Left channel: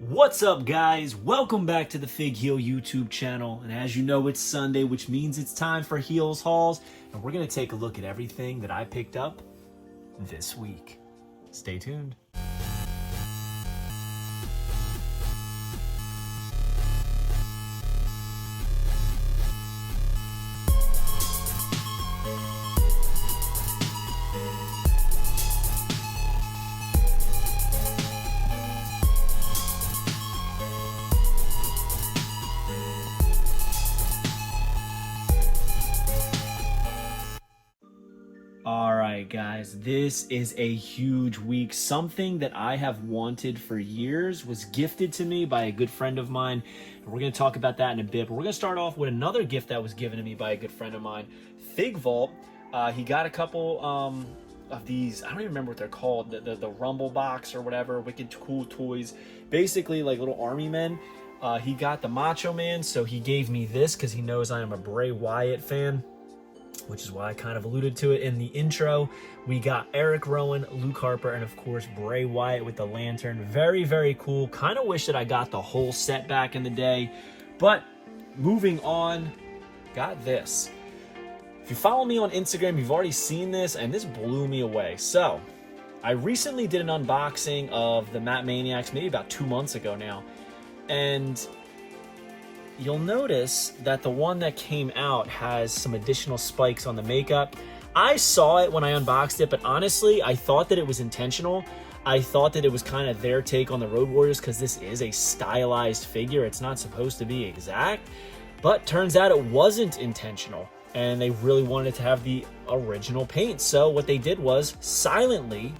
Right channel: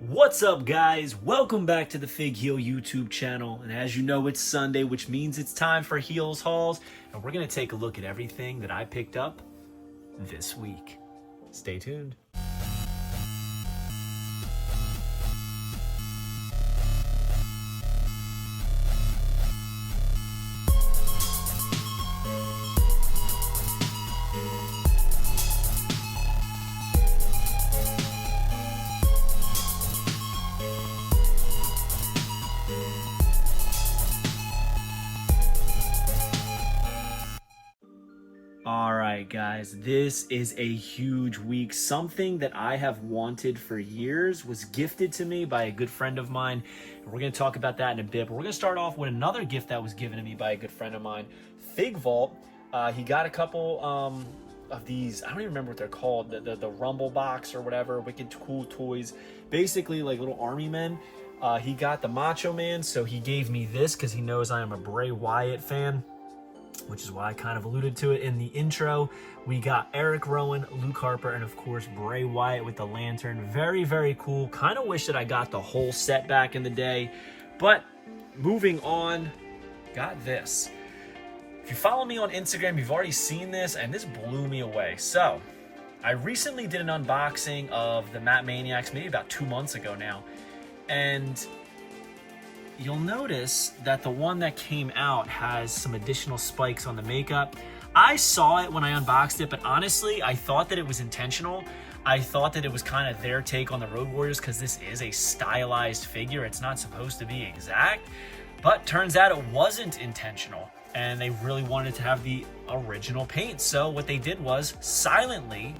What's up, guys? Welcome back to the Fig Heel YouTube channel. And as you know, it's Sunday, which means it's time for Heels Hauls. And we're going to take a look at everything that I picked up this week. Stay tuned. Alright guys, this is a huge week. Something that I have wanted for years was gifted to me by a good friend of mine. And we're going to talk about that in a bit. But we're going to start off with another gift that was given to me by a good friend of mine. Fig Vault. He got a couple of these, I don't even remember what they're called. The Rumble Box or whatever. Wicked cool toys. Basically like little army men. He got the Macho Man, so he gave me this because he knows I am a Bray Wyatt fan, which is why I kind of alluded to it in the intro. We got Eric Rowan, Luke Harper, and of course Bray Wyatt with the lantern. Very, very cool. Kind of wish that I got the whole set back in the day. But moving on, got this. If you follow me on Instagram, you've already seen this, and this blew me away. So, I recently did an unboxing of the Maniacs, maybe about 2 months ago now. And you'll notice that the one that came out has some additional spikes on the makeup. I saw it when I unboxed it, but honestly, I thought that it was intentional. I thought that it was kind of their take on the Road Warriors because this is a stylized figure. It's not supposed to be exact, but turns out it wasn't intentional, and they really wanted to have the original paint. So what they did was silently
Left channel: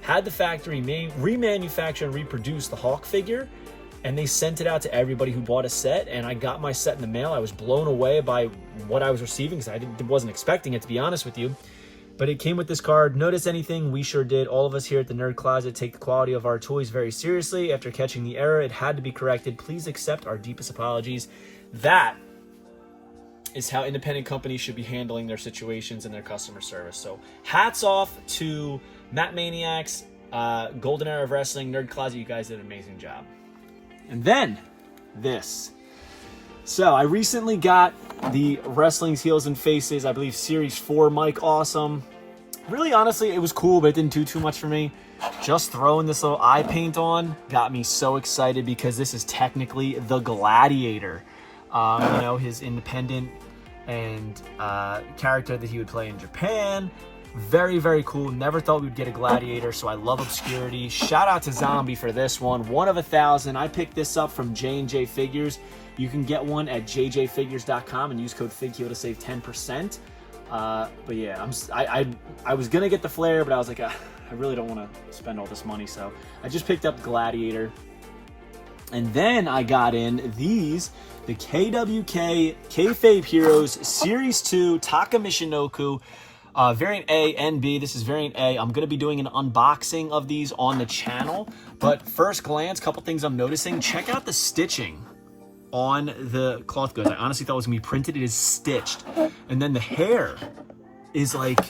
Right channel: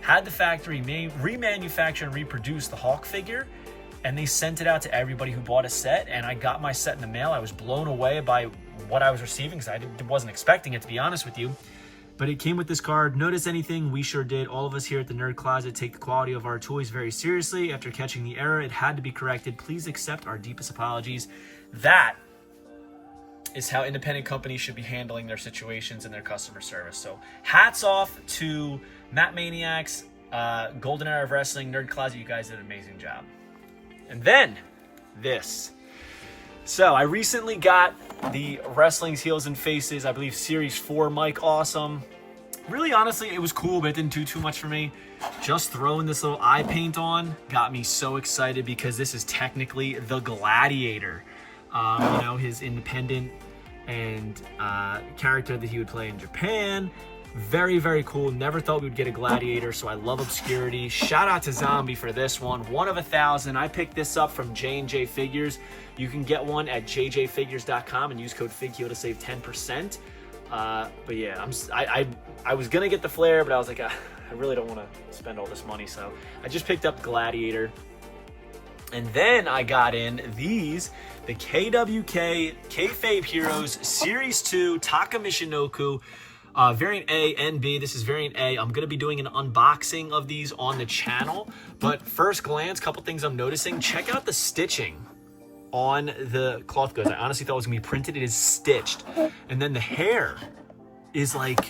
had the factory remanufacture and reproduce the Hulk figure, and they sent it out to everybody who bought a set, and I got my set in the mail. I was blown away by what I was receiving because I wasn't expecting it, to be honest with you. But it came with this card. Notice anything? We sure did. All of us here at the Nerd Closet take the quality of our toys very seriously. After catching the error, it had to be corrected. Please accept our deepest apologies. That is how independent companies should be handling their situations and their customer service. So hats off to Maniacs, Golden Era of Wrestling, Nerd Closet. You guys did an amazing job. And then this. So I recently got the Wrestling's Heels and Faces, I believe Series 4 Mike Awesome. Really, honestly, it was cool, but it didn't do too much for me. Just throwing this little eye paint on got me so excited because this is technically the Gladiator. You know, his independent and character that he would play in Japan. Very, very cool. Never thought we would get a Gladiator, so I love obscurity. Shout out to Zombie for this one. 1 of 1,000. I picked this up from J&J Figures. You can get one at jjfigures.com and use code FIGHEEL to save 10%. But yeah, I was going to get the Flare, but I was like, I really don't want to spend all this money, so I just picked up Gladiator. And then I got in these, the Kayfabe Heroes Series 2 Takamichinoku. Variant A and B. This is variant A. I'm going to be doing an unboxing of these on the channel. But first glance, couple things I'm noticing. Check out the stitching on the cloth goods. I honestly thought it was going to be printed. It is stitched. And then the hair is like,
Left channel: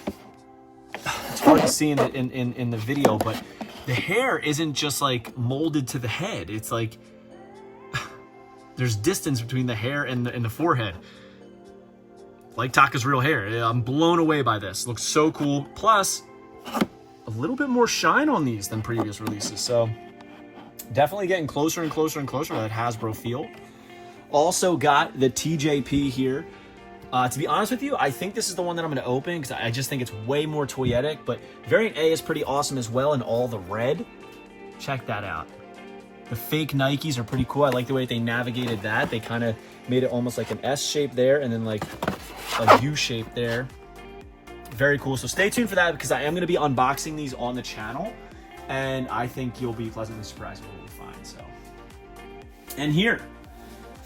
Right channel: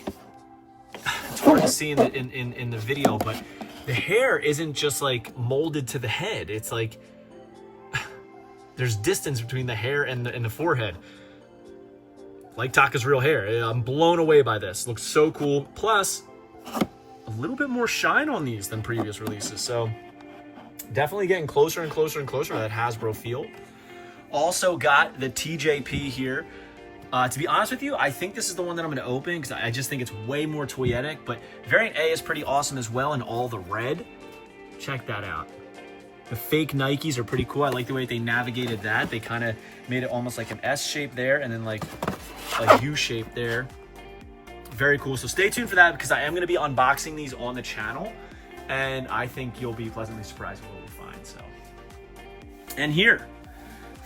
it's hard to see in the video, but the hair isn't just like molded to the head. It's like, there's distance between the hair and the forehead. Like Taka's real hair. I'm blown away by this. Looks so cool. Plus, a little bit more shine on these than previous releases. So, definitely getting closer and closer and closer to that Hasbro feel. Also got the TJP here. To be honest with you, I think this is the one that I'm going to open because I just think it's way more toyetic. But Variant A is pretty awesome as well in all the red. Check that out. The fake Nikes are pretty cool. I like the way they navigated that. They kind of made it almost like an S shape there and then like a U shape there. Very cool. So stay tuned for that because I am going to be unboxing these on the channel, and I think you'll be pleasantly surprised with what we find. So, and here,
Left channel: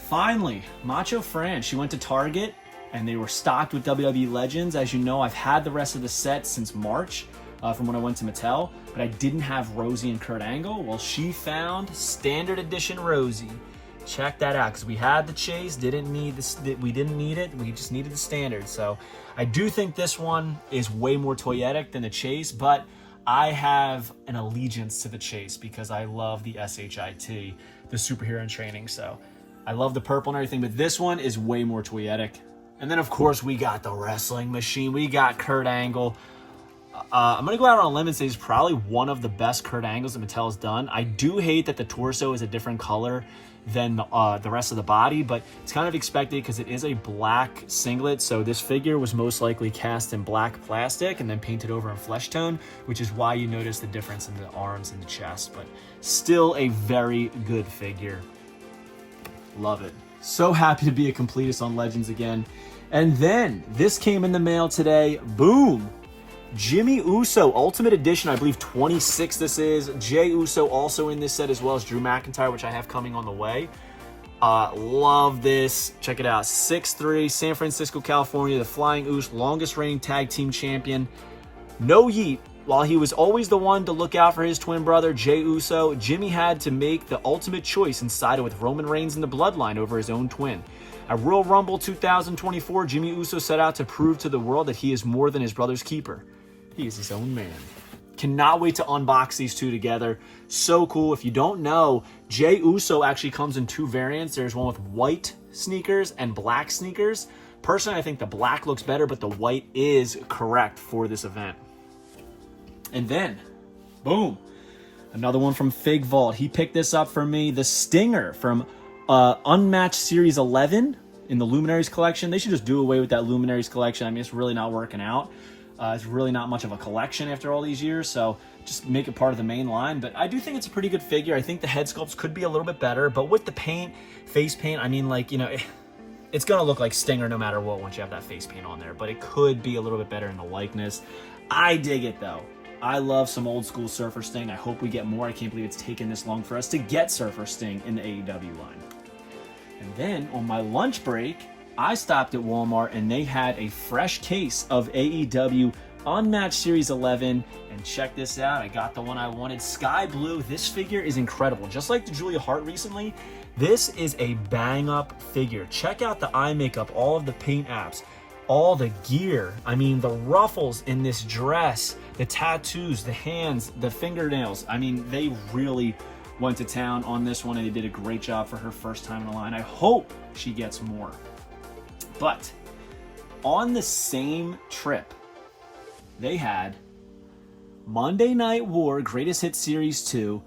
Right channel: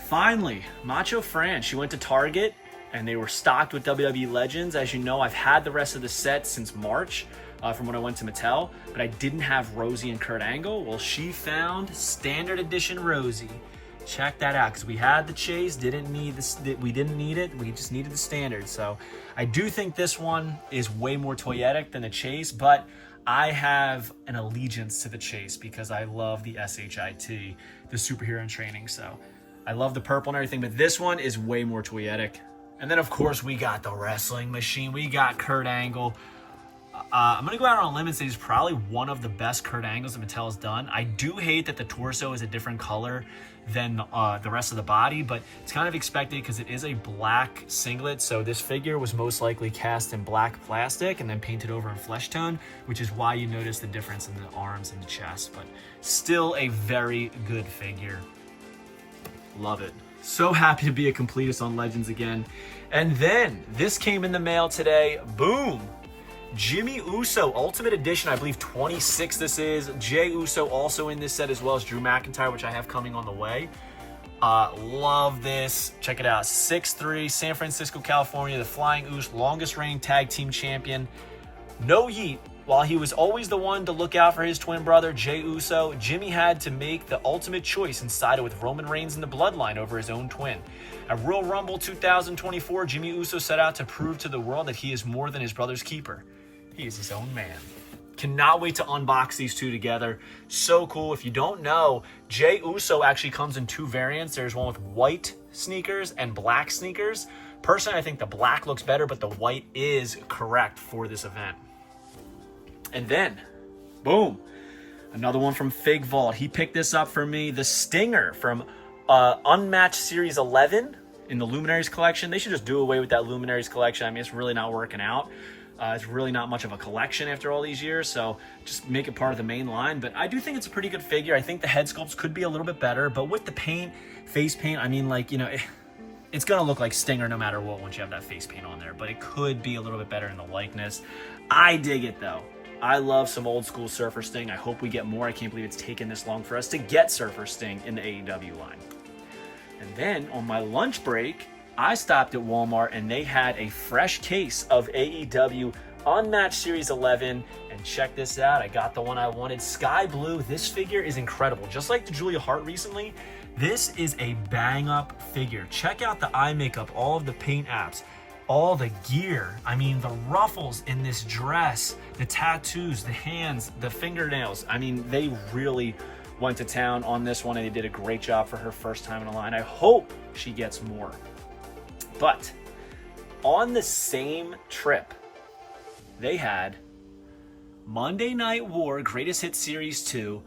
finally, Macho Fran. She went to Target and they were stocked with WWE Legends. As you know, I've had the rest of the set since March. From when I went to Mattel, but I didn't have Rosie and Kurt Angle. Well, she found standard edition Rosie. Check that out, because we had the Chase, didn't need this. We didn't need it. We just needed the standard. So I do think this one is way more toyetic than the Chase, but I have an allegiance to the chase because I love the SHIT, the superhero in training. So I love the purple and everything, but this one is way more toyetic. And then, of course, we got the wrestling machine. We got Kurt Angle. I'm going to go out on a limb and say he's probably one of the best Kurt Angles that Mattel has done. I do hate that the torso is a different color than the rest of the body, but it's kind of expected because it is a black singlet. So this figure was most likely cast in black plastic and then painted over in flesh tone, which is why you notice the difference in the arms and the chest. But still a very good figure. Love it. So happy to be a completist on Legends again. And then this came in the mail today. Boom! Jimmy Uso, Ultimate Edition, I believe 26 this is. Jey Uso also in this set, as well as Drew McIntyre, which I have coming on the way. Love this. Check it out. 6'3", San Francisco, California, the Flying Uso, longest reigning tag team champion. No heat. While he was always the one to look out for his twin brother, Jey Uso, Jimmy had to make the ultimate choice and sided with Roman Reigns in the bloodline over his own twin. At Royal Rumble 2024, Jimmy Uso set out to prove to the world that he is more than his brother's keeper. He is his own man. Cannot wait to unbox these two together. So cool. If you don't know, Jey Uso actually comes in two variants. There's one with white sneakers and black sneakers. Personally, I think the black looks better, but the white is correct for this event. And then, boom, another one from Fig Vault. He picked this up for me. The Stinger from Unmatched Series 11 in the Luminaries collection. They should just do away with that Luminaries collection. I mean, it's really not working out. It's really not much of a collection after all these years, so just make it part of the main line. But I do think it's a pretty good figure. I think the head sculpts could be a little bit better, but with the paint, face paint, I mean, like, you know, it's going to look like Stinger no matter what once you have that face paint on there, but it could be a little bit better in the likeness. I dig it, though. I love some old school Surfer Sting. I hope we get more. I can't believe it's taken this long for us to get Surfer Sting in the AEW line. And then on my lunch break, I stopped at Walmart and they had a fresh case of AEW Unmatched Series 11. And check this out. I got the one I wanted. Sky Blue. This figure is incredible. Just like the Julia Hart recently, this is a bang up figure. Check out the eye makeup, all of the paint apps, all the gear. I mean, the ruffles in this dress, the tattoos, the hands, the fingernails. I mean, they really went to town on this one and they did a great job for her first time in the line. I hope she gets more. But on the same trip, they had Monday Night War Greatest Hits Series 2,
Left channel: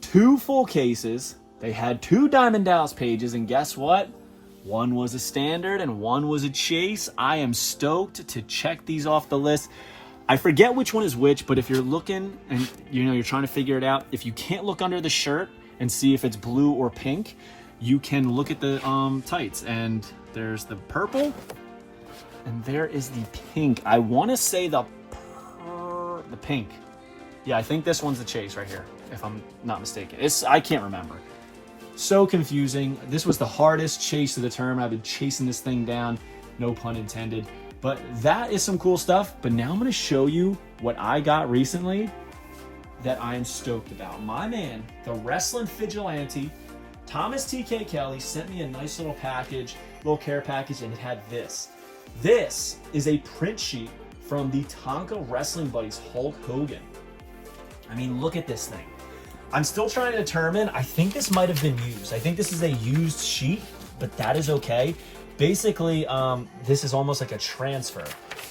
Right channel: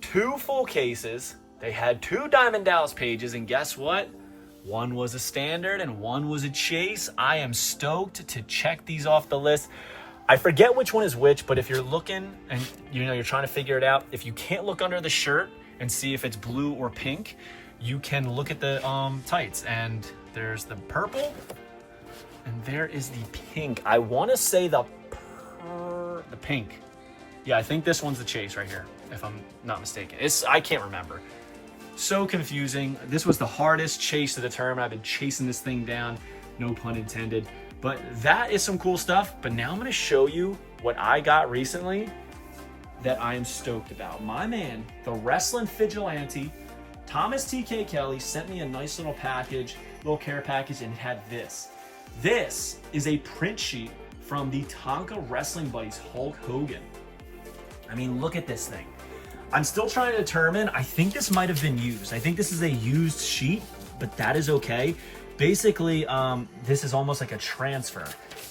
2 full cases. They had 2 Diamond Dallas pages, and guess what? One was a standard and one was a chase. I am stoked to check these off the list. I forget which one is which, but if you're looking and you're trying to figure it out, if you can't look under the shirt and see if it's blue or pink, you can look at the tights, and there's the purple and there is the pink. I want to say the pink. Yeah, I think this one's the chase right here, if I'm not mistaken. I can't remember. So confusing. This was the hardest chase to determine. I've been chasing this thing down, no pun intended. But that is some cool stuff. But now I'm going to show you what I got recently that I am stoked about. My man, the Wrestling Vigilante, Thomas TK Kelly, sent me a nice little package, little care package, and it had this. This is a print sheet from the Tonka Wrestling Buddies Hulk Hogan. I mean, look at this thing. I'm still trying to determine. I think this might have been used. I think this is a used sheet, but that is okay. Basically, this is almost like a transfer,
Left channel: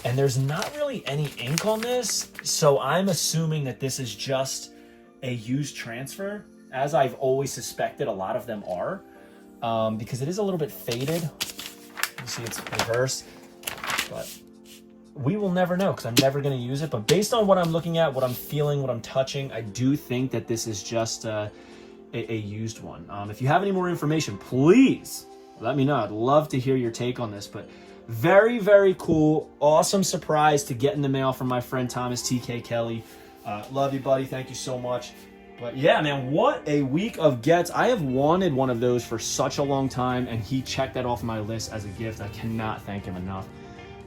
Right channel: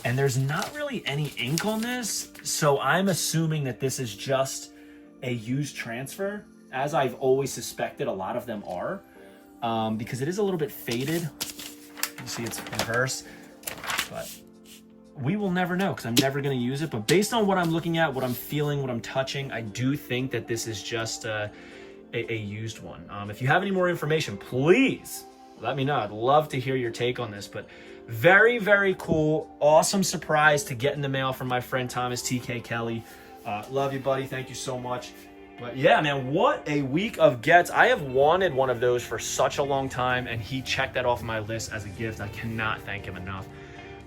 and there's not really any ink on this, so I'm assuming that this is just a used transfer, as I've always suspected a lot of them are, because it is a little bit faded. You see it's reverse, but we will never know because I'm never going to use it. But based on what I'm looking at, what I'm feeling, what I'm touching, I do think that this is just a used one. If you have any more information, please let me know. I'd love to hear your take on this. But very, very cool. Awesome surprise to get in the mail from my friend Thomas TK Kelly. Love you, buddy. Thank you so much. But yeah, man, what a week of gets. I have wanted one of those for such a long time, and he checked that off my list as a gift. I cannot thank him enough.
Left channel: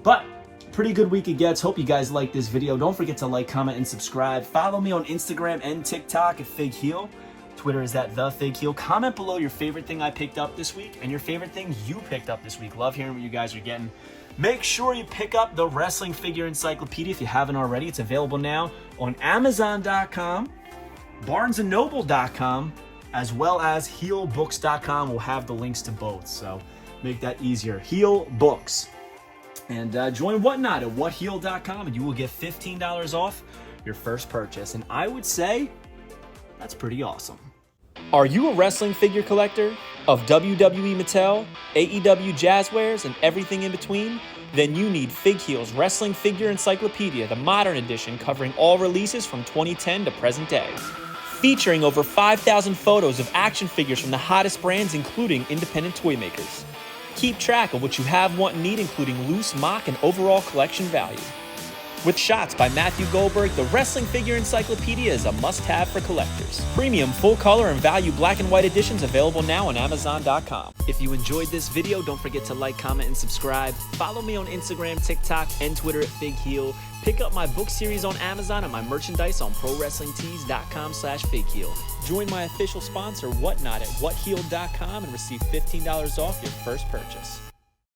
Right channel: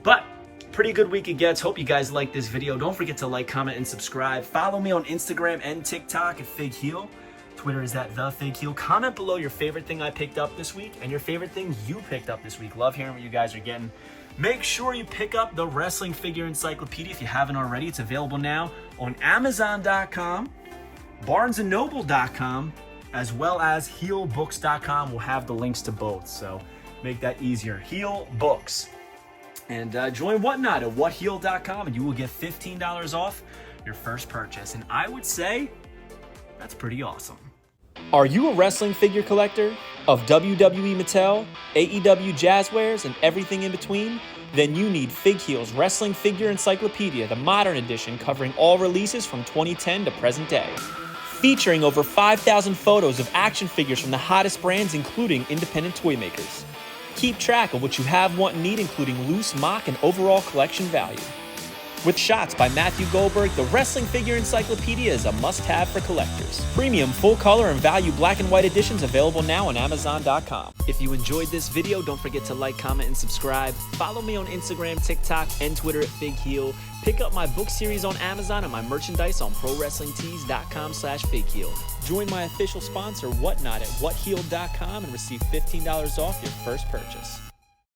But pretty good week of gets. Hope you guys like this video. Don't forget to like, comment, and subscribe. Follow me on Instagram and TikTok at Fig Heel. Twitter is at The Fig Heel. Comment below your favorite thing I picked up this week and your favorite thing you picked up this week. Love hearing what you guys are getting. Make sure you pick up the Wrestling Figure Encyclopedia if you haven't already. It's available now on Amazon.com, BarnesandNoble.com, as well as HeelBooks.com. We'll have the links to both, so make that easier. Heel Books. And join Whatnot at WhatHeal.com, and you will get $15 off your first purchase. And I would say that's pretty awesome. Are you a wrestling figure collector of WWE Mattel, AEW Jazzwares, and everything in between? Then you need Fig Heel's Wrestling Figure Encyclopedia, the modern edition covering all releases from 2010 to present day. Featuring over 5,000 photos of action figures from the hottest brands, including independent toy makers. Keep track of what you have, want, and need, including loose, mock, and overall collection value. With shots by Matthew Goldberg, the Wrestling Figure Encyclopedia is a must-have for collectors. Premium full-color and value black and white editions available now on Amazon.com. If you enjoyed this video, don't forget to like, comment, and subscribe. Follow me on Instagram, TikTok, and Twitter at FigHeal. Pick up my book series on Amazon and my merchandise on ProWrestlingTees.com/FigHeal. Join my official sponsor, Whatnot, at WhatHeal.com and receive $15 off your first purchase.